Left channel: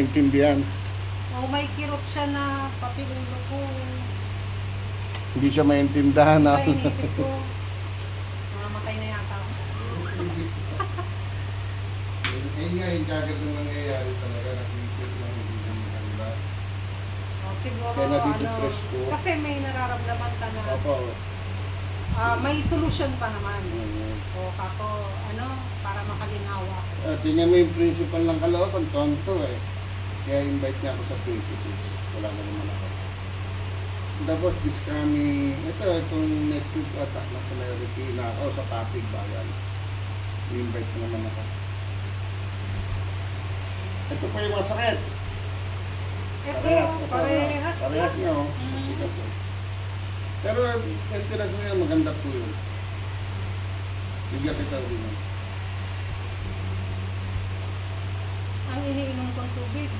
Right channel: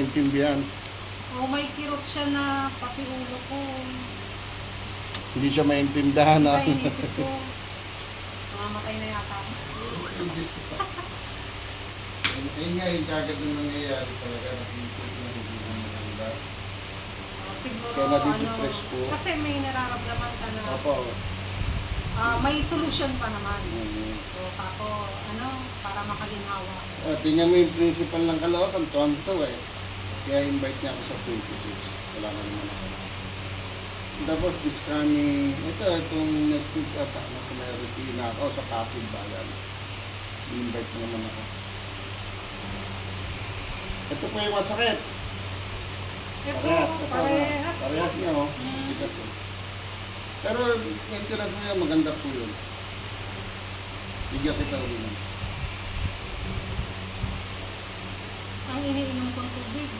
maintindihan. O may kirot siya na papilulo ko. Hindi siya maintindihan. Kaya inisip ko, mamamatay na yata ako. Ayun nga yung kagad na nangyayari talaga. Nakikita lang hindi mo maganda. Siguro, Kaya nadidepress ko. kasi may nararamdaman ka na Opo. may solution pa naman. Mm. O kako, para makaginhawa. Tingnan mo yung principal ng Caloocan, tonto eh. Kaya invite niya ako sa 26. Wala na naman ako. Tapos this coming, itong next week ata, nasa Merity na ako sa Pasig Bayan. I-invite mo naman ako. Ito pa yung masakit. Ito, parehas. Parehas niya oh. Mm. Tigas, oh. Pero yung tiras mo yan, maganda po yun. Bigyan kita ulit. Ang iniinom kong tubig.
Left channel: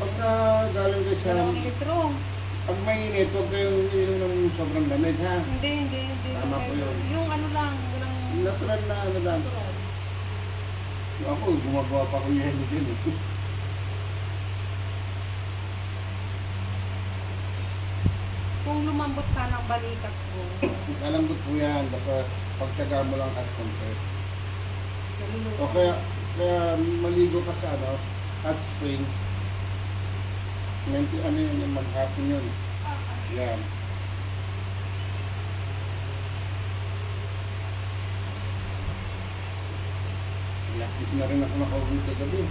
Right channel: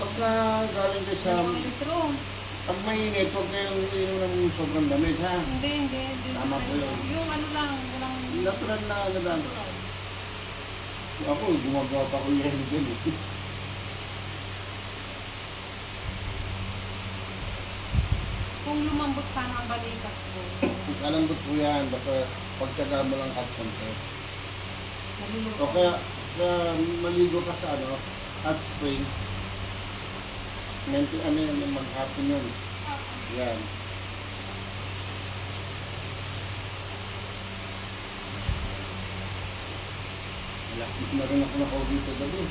Pagka galing kayo sa... 2 litro. Pag mainit, huwag kayong inom ng sobrang lamig ha. Hindi. Tama po yun. Yung lang, walang... Natural na ano lang. Ako, gumagawa pa ko yelo dyan eh. Kung lumambot sana ang balikat ko, Kalambot po yan, basta pagtyaga mo lang at konti. naluluto. O kaya maligo ka sa hot spring. Ano yun, maghapon yun. Yan. Lakis na rin ako nakauwi sa gabi.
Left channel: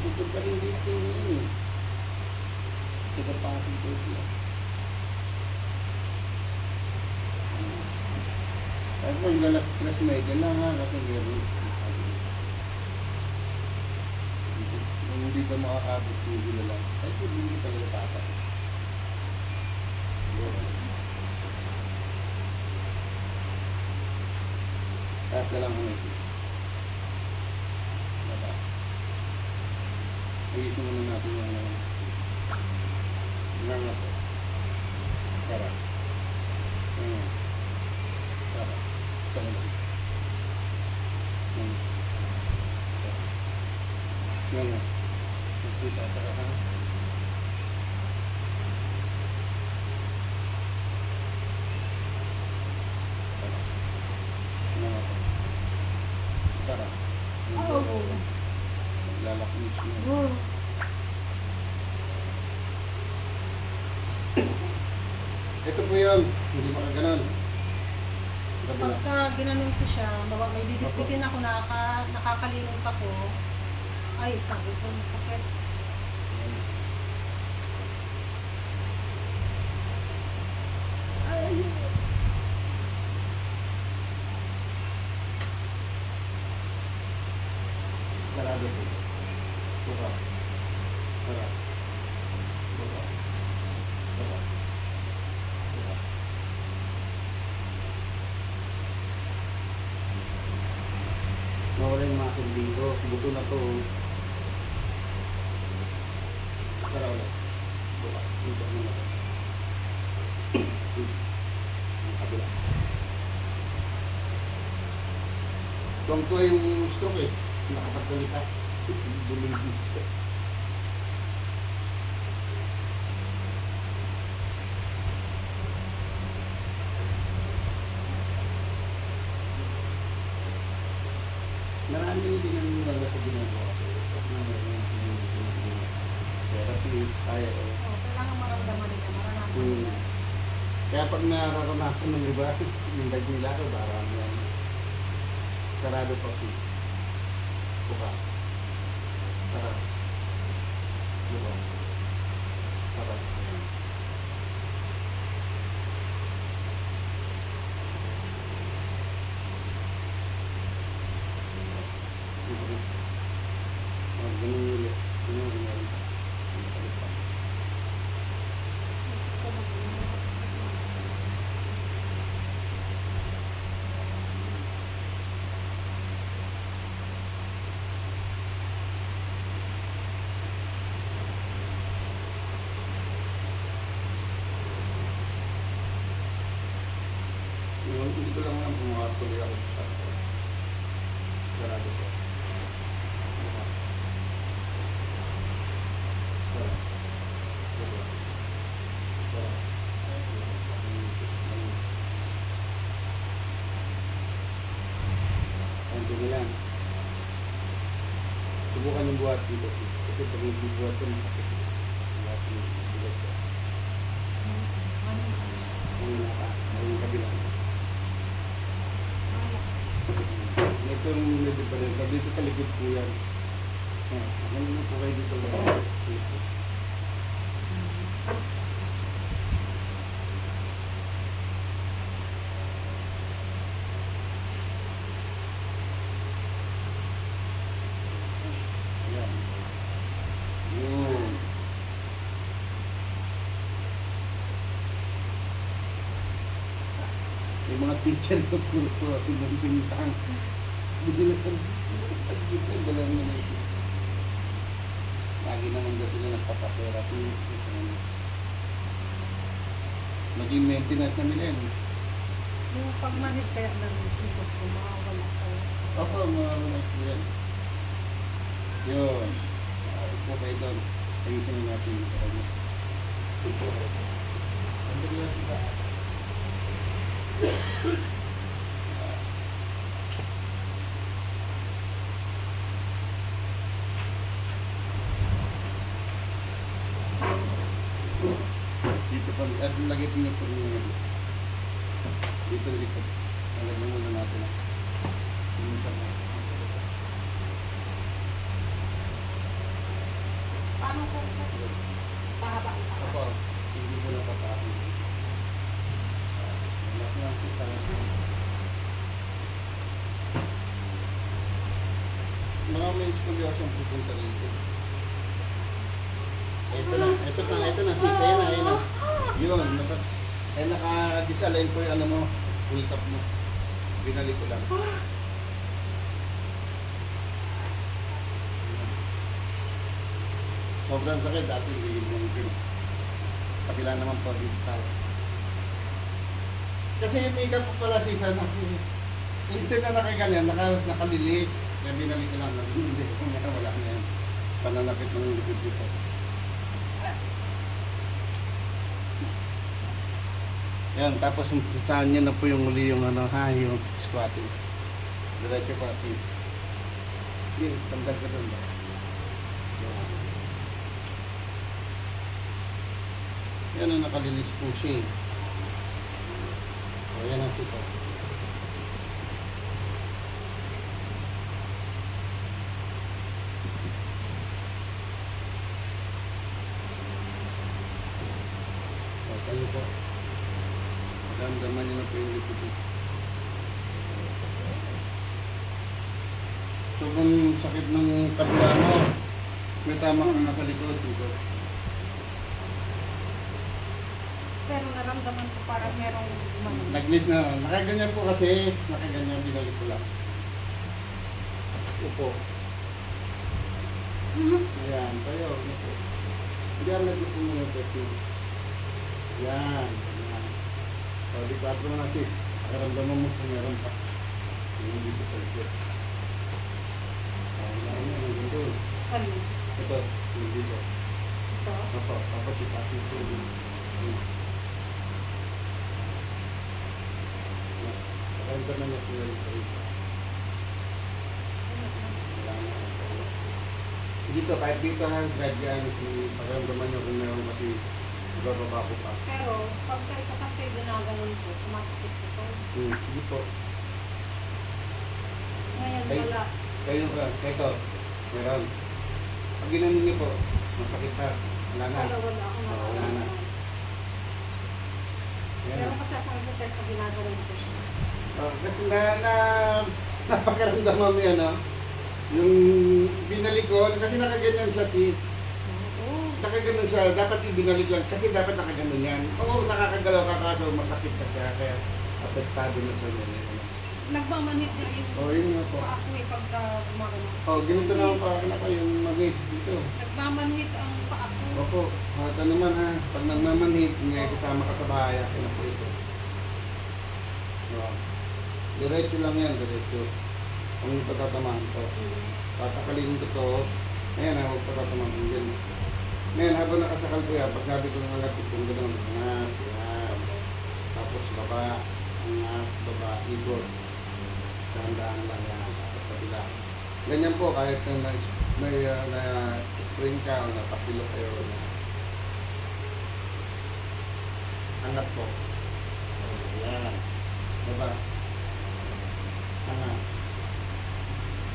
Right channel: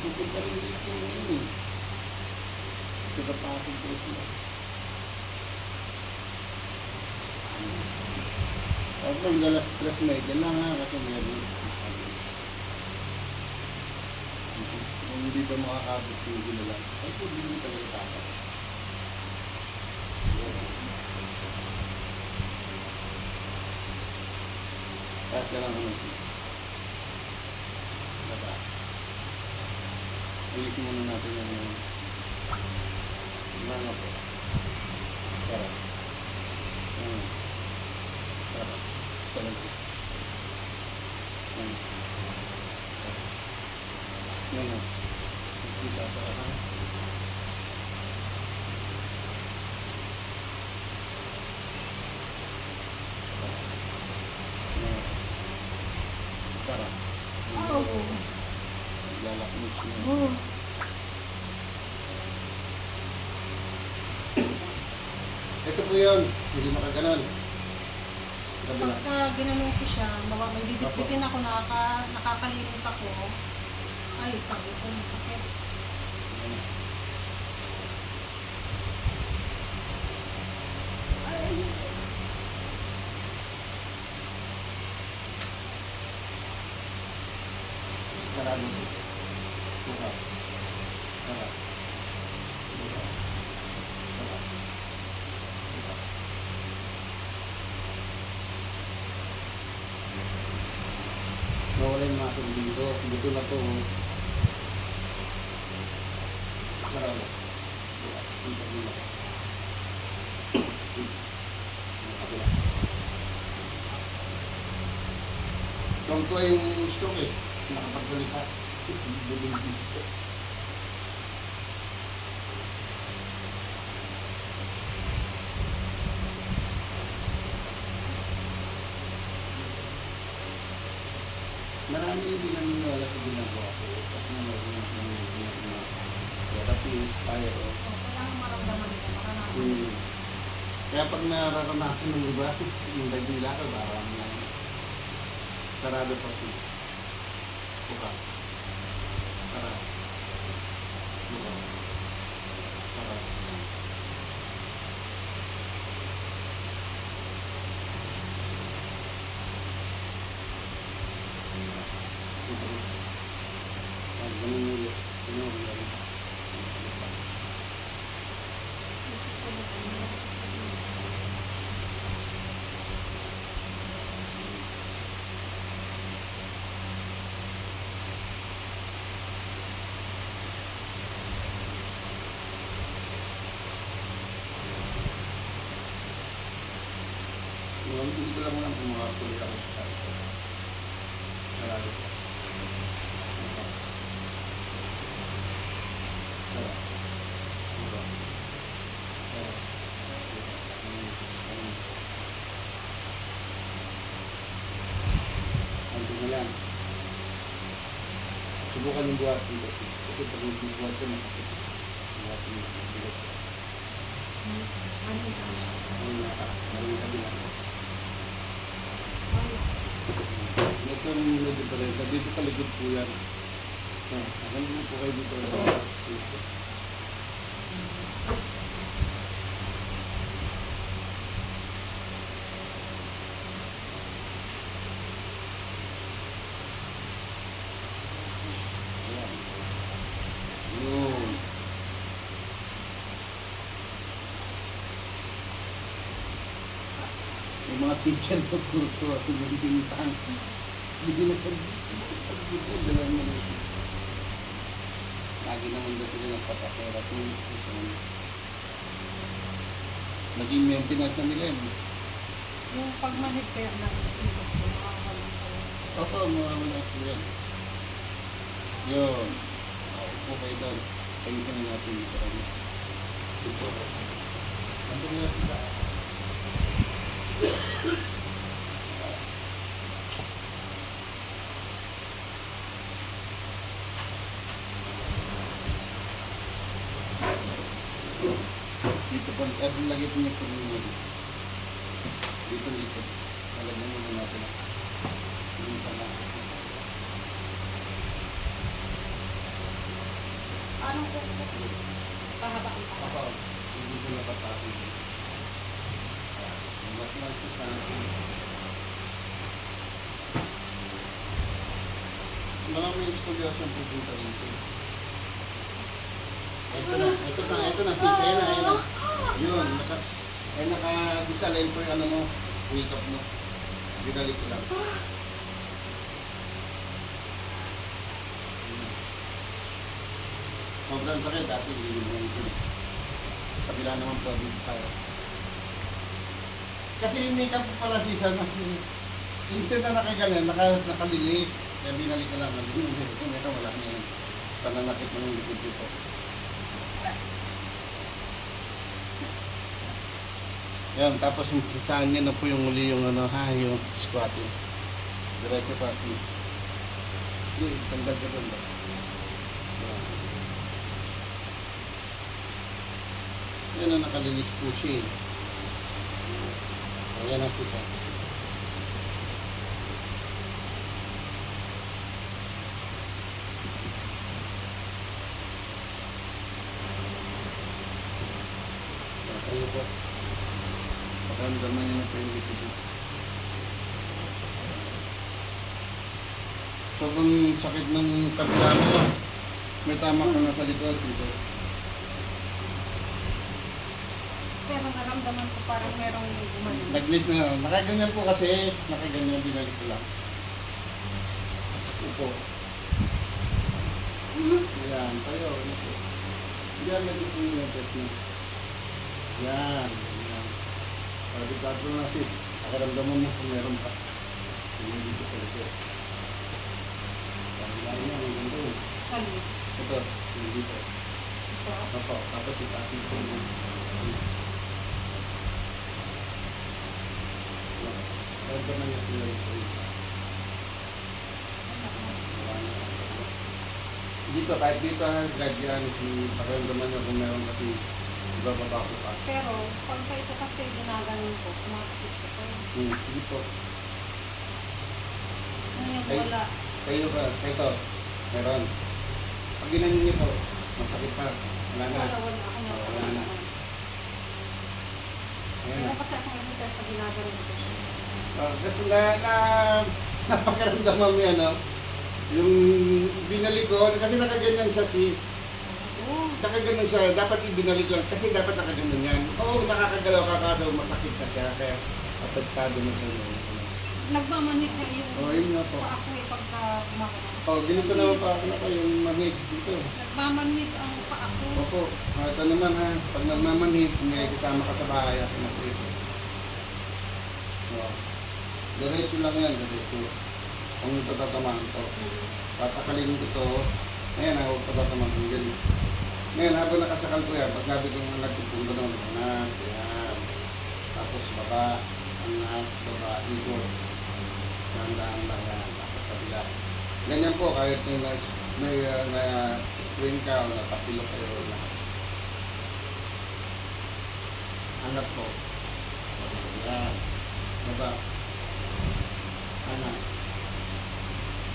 Pupunta rin dito yun eh. Pasig po sila. At magdalas stress medya lang ha, kasi meron. Kung hindi pa makakabot TV na lang, ay hindi ka nila tapat. Kahit na lang kami. Diba? Ayusin muna natin yung mga po. Tara. Tara. Salamat. Tara. Bisa tara ha. Tara. Lalakmis mo. Ito po yun, hindi makaganon. Pagka ginanon ko siya, may bibitbitin ako, nakakalimutan ako. Ay, sabi ko, sakit. Ay. Sarado po. Tara. Tara. Tara. Tara. Nawala yung mga tubig ko. Buto na to. Sarado. Tara. Sito mo na. Kabila. Tuwang-tuwa yung stroke eh. Nakapagdalita. Bumili gusto. Marami yung dinaniniwala sa ginagawa ko. At na therapist, tayo. Kailangan maramdaman nila, maranasan. Kaya pag nararanasan ng iba, yung bag nila ko, parang sarado pa siya. Buka. Tara. Buka. Tara. Hindi ko lang alam kung makatuloy ako sa sakit ko. Sarado ko. Anto na lang. Subukan yung buhat dito. Kasi pag yung buhat ko, makakit. Lahat yung bigat ko. Ang kabilang. Ito yung medyo pa rin. Dito sa likod po yan. Ano naman po kayo dito? Dito. Ayan. Yun. Yung mga teacher ko po, pinintang. Hindi na sabihin, dala na lang. Lagi naman daw sila nagpapatherapy. Naging maintenance na nila yun. Yung pagmanhid kaya ng ikot ko, makakawala ko. Opo, mawawala ko yan. Yun. Upo kayo doon. Pag-isa na natin dito. Upo. Ano na natin ba? Dito pa, lagay ko niya po rin. Dito. Lagyan muna natin. Yung sama. Paano ko pahaba ang tao? Ako, hindi ko napatapin. Mas lang po sa akin. Mga may estudyasyon pupunta rito. Ito na, sis, ayan na. Yun, naka-disalin po yung ano mo, makeup mo. Binalik ko lang. Sobrang sakit, dati hindi mo yung kabila naman po dito tayo. Kasi hindi ka po pala sisa na instead na nakaganyan, nakalilis. Kaya binalik ko lang, hindi nga wala na yan. Pananakit ng likod dito. Yan, tapos saan niya na po yung muli yung ano ha, yung squatting. Diretso pa, please. Hindi, tanggal ka doon ba? Yan ang nakalilis po siya. O, yan ang sisa. Tayo po. Pagkamdaman nyo na po yung likod. So kung sakit ng kabila mo, may tama ka nga sa likod dito. Pero naramdaman ko parang merong gumano. Nag-list na. Nakaganyan po kasi. Nakaganyan, binalik ko lang. Upo. Ayan, tayo. Diyan, nag-upo nyo yung petin. Yan. Yan. O, di 4 na sis. Nakaramdaman mo kung meron pa. Yung dito sa likod. Kailangan nyo, hanggang doon. Sali. Ito, yung dito. Ito. Opo, tapos ipati ko yung... Kaya ba na niya sila yung wala na. Dito, kahit dito ha, guide yan. Pakiramdaman nyo kung meron kasi ibababa ko pa. Pero, pagka ito kasi ginaganon ko, sumasakit ko to. Sige po. Ngayon Ay. wala. Kayo ba? Ito, meron. Pag ginanin niyo po, masakit pa. Wala na. Wala ako na. Wala na. Ayan Pero na. kasi ako nag-test na ginaganon ko siya. Kasi napakiramdaman mo yan, no? Yung binalik ko, kasi nakaganyan siya sis. Oo. Nakaganon siya, dapat ibinalik lang, kasi dapat nakaganon yan. Oo, nakakagalaw ka daw, masakit ka siya, kaya apektado na siya. Nagmamanhid na yung Oo, yun nga po. ako pagka gumaganon. Oo, ganito naman pa ako na pa yung mamig dito. Nagmamanhid ang paa ko. Opo, ito naman ha, pag nagmamanhid, may kasama ka sa bahay, akin na po ito. Oh. Diretso lang yan, diretso. Kung patatamaan to. Tatakalin ko to. Ayan, huwag patatamaan ko yan. Ngayon, habang nakasakal ko yan, pag sabi ko nga nagtutong gano'n, angat, yan. Tapos baba, angat, baba, ikot. Sandaan lang yan, tapos kabila. Ganyan po, kahit nung na-spring ka o natapilok kayo. Angat po. Yan. Baba. Angat.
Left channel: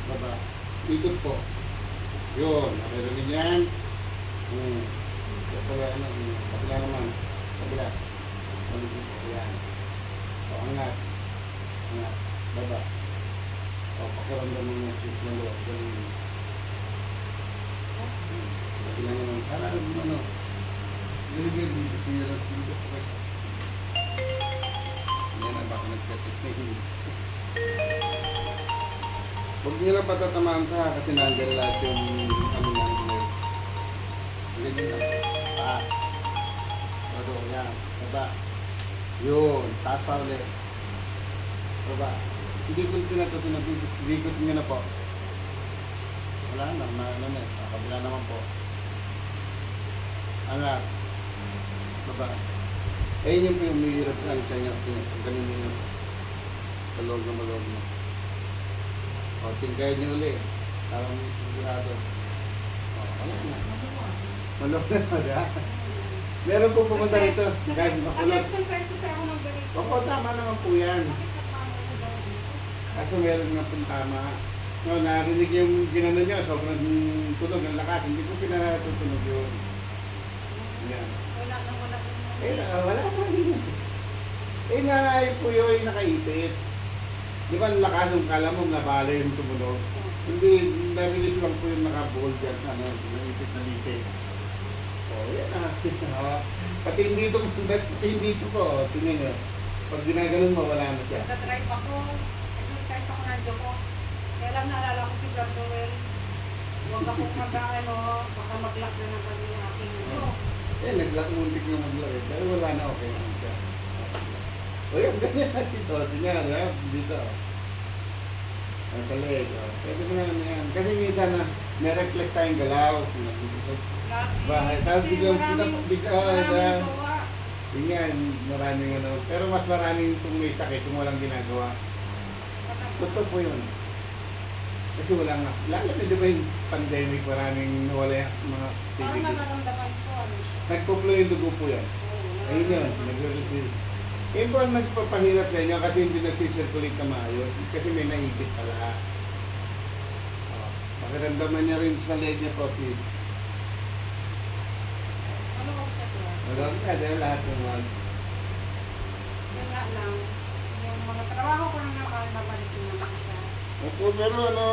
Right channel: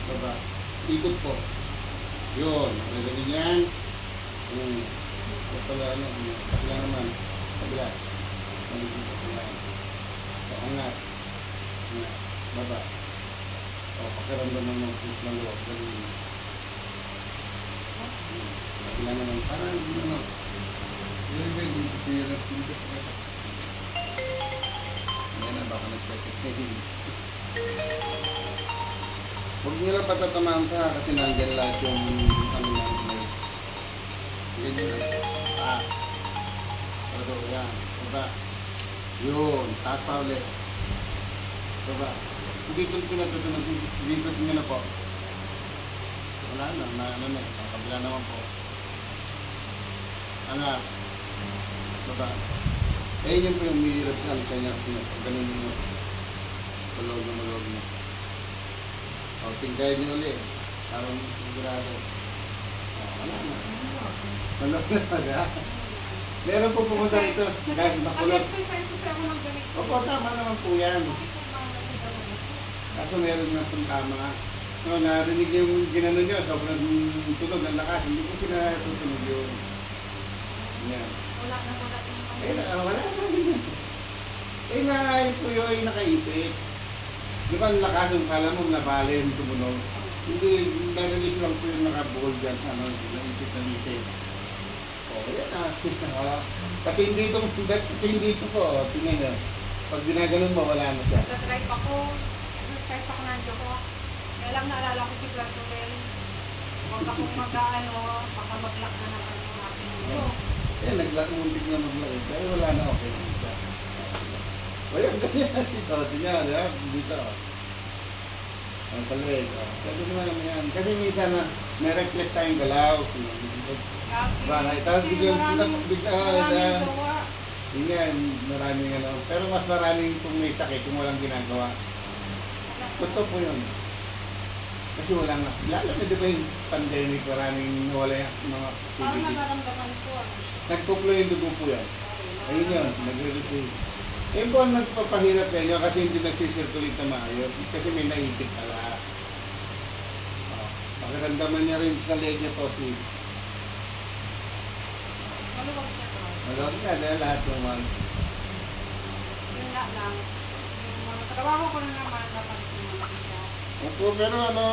Baba. Ikot po. Yun, naririnig yan. Kapila, kapila naman. Kapila. Maligid po. Yan. So, angat. Angat. Baba. O, pakiramdam mo ng loob. Ganun. Kapila naman. Parang, ano, Libre dito ko nyo lang dito. Yan na, baka nagkakitin. Huwag nyo lang patatamaan ka kasi nandiyan lahat yung ano yan. Ganyan lang. Taas. Odo, yan. Baba. Yun. Taas pa ulit. Baba. Hindi ko pinatutunan. Hindi ko nyo na po. Wala na. Kabila naman po. Angat. Baba. Eh, yun po yung mahirap sa alisa niya. Ganun yun. Malog na malog na. O, tingkayin niyo ulit. Parang sigurado. O, wala na. Malog na pala. Meron po pumunta rito. Kahit makulot. Pag-exercise ko sa ako ng ganito. Opo, tama naman po yan. Kaso meron na pong tama. No, narinig yung ginano nyo. Sobrang tunog ng lakas. Hindi ko pinatutunog yun. Yan. Wala na. Eh, wala naman yun. Eh, nga po yun ay nakaipit. Di ba ang lakas ng kala mo nabala yung tumunog? Hindi, na-release lang po yung nakabuhol dyan. Ano, naipit na lite. O, yan ah. Pati hindi ito po. Tingnan nyo. Pag ginaganon mo, wala na siya. Nagka-drive ako. Exercise ako na ko. Kaya lang naalala ko si Gardel. Huwag akong mag-ano, baka mag-lock na naman yung aking video. Eh, muntik na maglaki. Pero wala na, okay na siya. O yan, ganyan na si Soto niya, di ba? Dito. Ang sa leg. Pwede mo na naman yan. Kasi minsan na, na-reflect tayong galaw. Bahay. Tapos biglang gawa. yun nga, maraming ano. Pero mas maraming kung may sakit, kung walang ginagawa. Totoo po yun. Kasi wala nga. Lalo na di ba yung pandemic, maraming nawala yung mga Parang activity. nararamdaman ko ano siya. Nagpuplo yung dugo po yan. Ayun yun, nag-retrieve. Yun po ang nagpapahirap sa inyo kasi hindi nagsisirculate na maayos. Kasi may naipit pala. Pakiramdaman niya rin sa leg niya po si Ano ba siya to? Malawag nga dahil lahat naman. Yun nga lang. Yung mga trabaho ko na naman, napalitin naman siya. Opo, pero ano,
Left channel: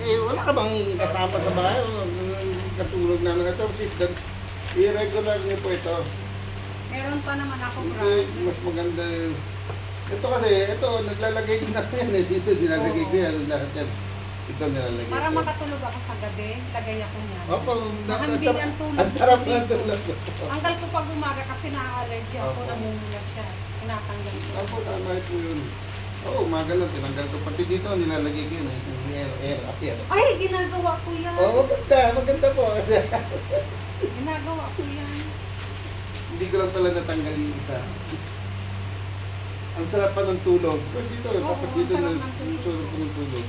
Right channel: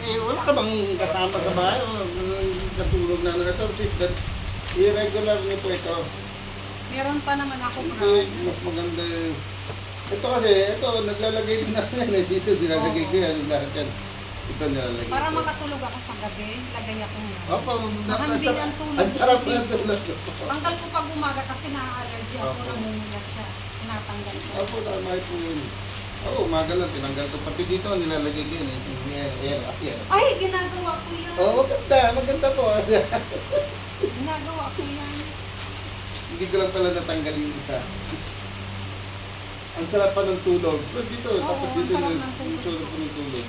eh, wala ka bang kasama sa bahay? Katulog na nag-assist. I-regular niyo po ito. Meron pa naman ako, bro. Hindi, mas maganda. Ito kasi, ito, naglalagay din ako yan. Dito, nilalagay ko yan. Lahat yan. Ito nilalagay Para ko. makatulog ako sa gabi, kagaya ko niya. Opo, Mahambing ang tulog. ang sarap ng tulog. Tanggal ko pag umaga kasi na-allergy ako, Opo. namumula siya. Tinatanggal ko. Opo, tama po yun. Oo, umaga lang, tinanggal ko. Pati dito, nilalagay ko yun. Air, up yan. Ay, ginagawa ko yan. Oo, maganda po. Ginagawa ko yan. Hindi ko lang pala natanggal yung isa. Ang sarap pa ng tulog. Pero dito, Oo, tapos ang dito, sarap ng tulog. sarap pa ng tulog.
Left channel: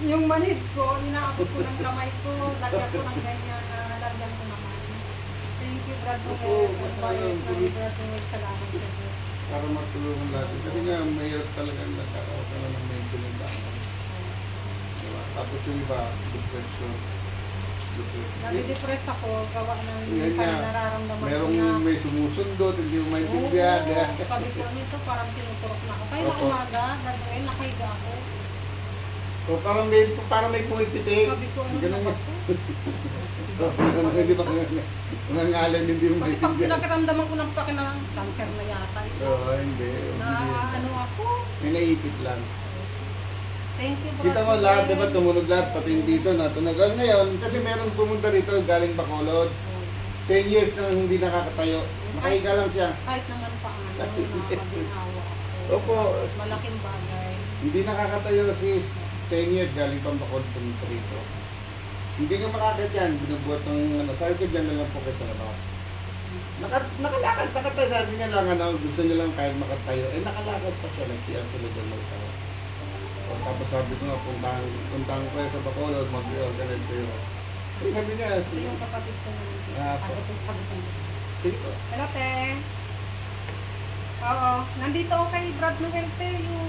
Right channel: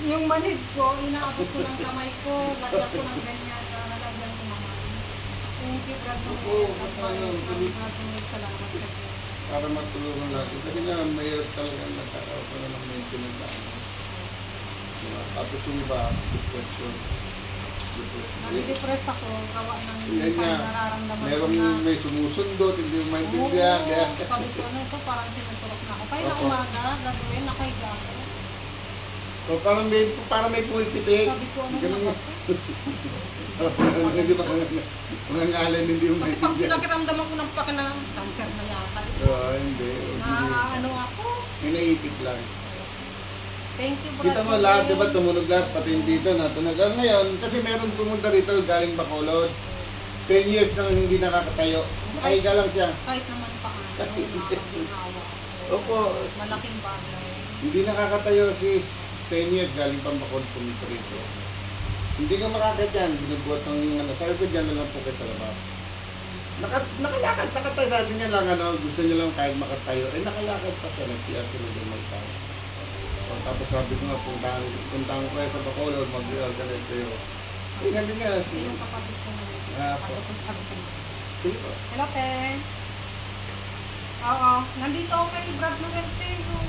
Yung manid ko, inaabot ko ng kamay ko, lagyan ko ng ganyan, nalagyan ko naman. Thank you, Brad Opo, Salamat sa Diyos. Para matulungan natin. Kasi nga, mahirap talaga nagkakaroon ng maintenance namin. Diba? Tapos yung iba, depression. Nadidepress ako, gawa ng Yan minsan nga. nararamdaman ko Merong na. may sumusundot, hindi mo maintindihan. Oo, sabi ko, ano ito, parang tinuturok na ako. Kaya na Opo. umaga, gagawin, nakahiga ako. So, parang may pumipitik. Sabi ko, ano Ganun na nga. ba? Hindi ba mga ngalan hindi mo Kasi pag maintindihan? pinakiramdaman ko ng pakinang cancer na yata ito. Oo, hindi. Na ano ako. May naipit lang. Thank you, Brad. Kita mo lahat, di ba tumunog lahat, pati yung dito na tunagan ngayon. Kasi meron pumunta rito galing Bacolod. 10 years nang hindi nakakatayo. Nakahiga lang siya. Kahit naman pa ano, nakakaginawa ako. Opo. Malaking bagay. Hindi nakakatayo si 10 years galing pang bakod pumiprito. Hindi nga makakit yan, binubuhat ng ano, sabi ko dyan na lang po kayo sa labas. Nakalakad, nakatayo, sabi niya lang ano, gusto niya lang kahit makatayo. Eh nakalakad pa siya, nag-CR sila dyan magtayo. O, tapos sabi ko nga, puntahan ko kayo sa Bacolod, mag-organize kayo. Eh sabi niya, Yung kapatid ko na Ah, po. sabi ko. sige po. Hello, te. Oo. Nandito ako kay Brad Noel, te. Yung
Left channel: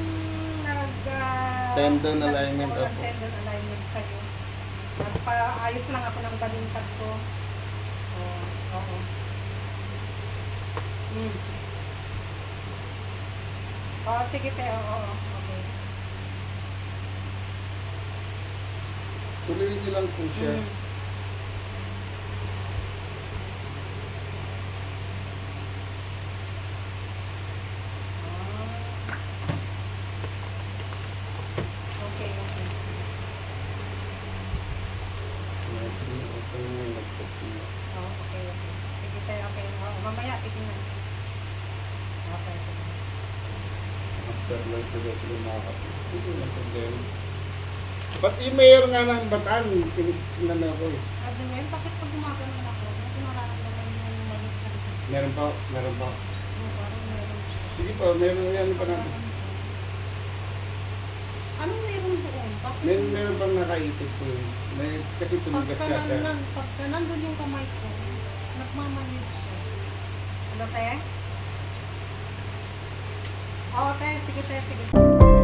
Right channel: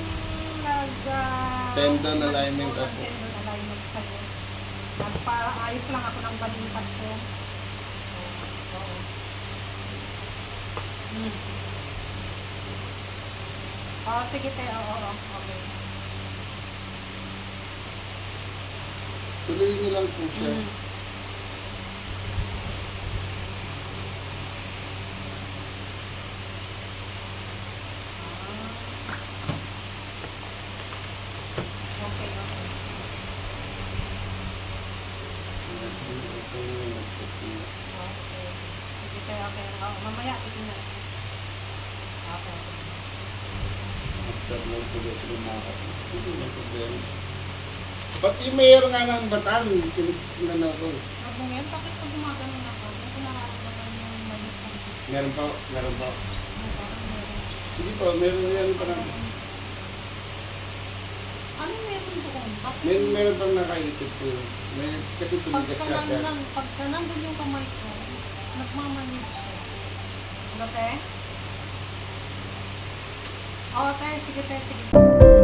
Tendon alignment ako. ako. Tendon alignment sa'yo. Nagpaayos lang ako ng balimbag ko. Oo. Hmm. Oo, sige, te. Oo. Okay. Tuloy niyo lang po siya. Hmm. Okay, okay. Oh, okay. Sige tayo, okay. Oh, mamaya, titingnan. Okay, okay. After lang po daw sila makakapit. Hindi na problema. Pati mayor nga ng Bataan, tinignan ako eh. Sabi ngayon, bakit pag gumagano ako, hindi ko nararamdaman yung malit sa likod ko. Meron pa, meron pa. Parang meron. Sige po, meron yan pa na. Ano meron doon? Bakit? Meron pang nakaisip ko yun. May, kasi tumigas Pagka siya. pagka nandun yung kamay ko, nagmamanig siya. Hello, te? Oo, te. Sige, te. Sige.